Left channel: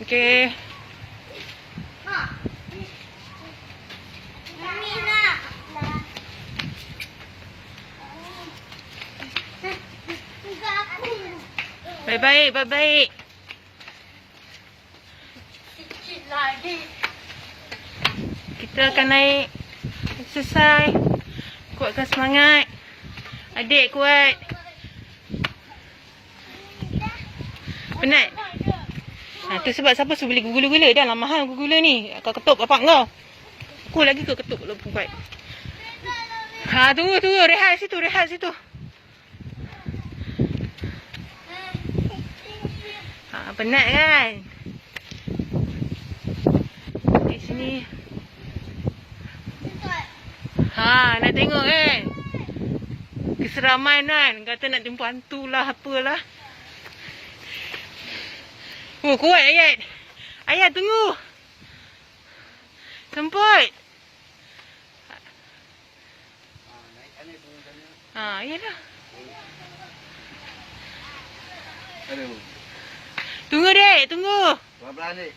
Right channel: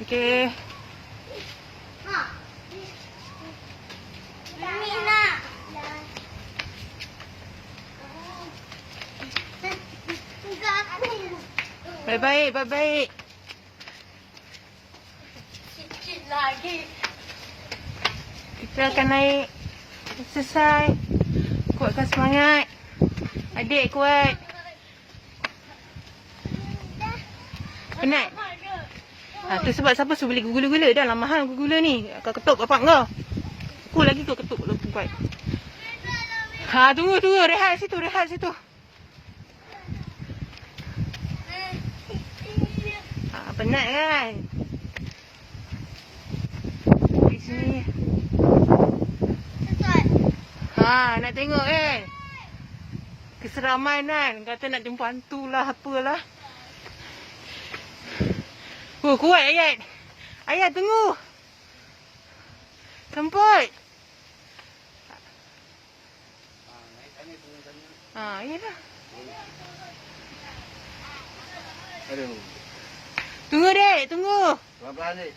Okey. Mami nak. Baik-baik, baik-baik. Sikit lagi. Kita akan naik exercise. Kuatkan semangat. Adik kuat. Penat? Ha, tu sebab siapa suruh beli gula-gula. Dah lah mahal gula ni. Kau ketuk bapak kau. Aku lagi kau ketuk lebih kuat. Ha, tu, rehat situ, rehat situ. Ha, penat kan? Di sini. Ha, nak tengok kan? Keseraman kan? Kata nak jumpa hantu lah, apalah. Oh, kuat Ayat. Ayat, tunggu. Semput. Ha, iyalah. Aduh. Tunggu dek, tunggu. Pelan-pelan, Dik.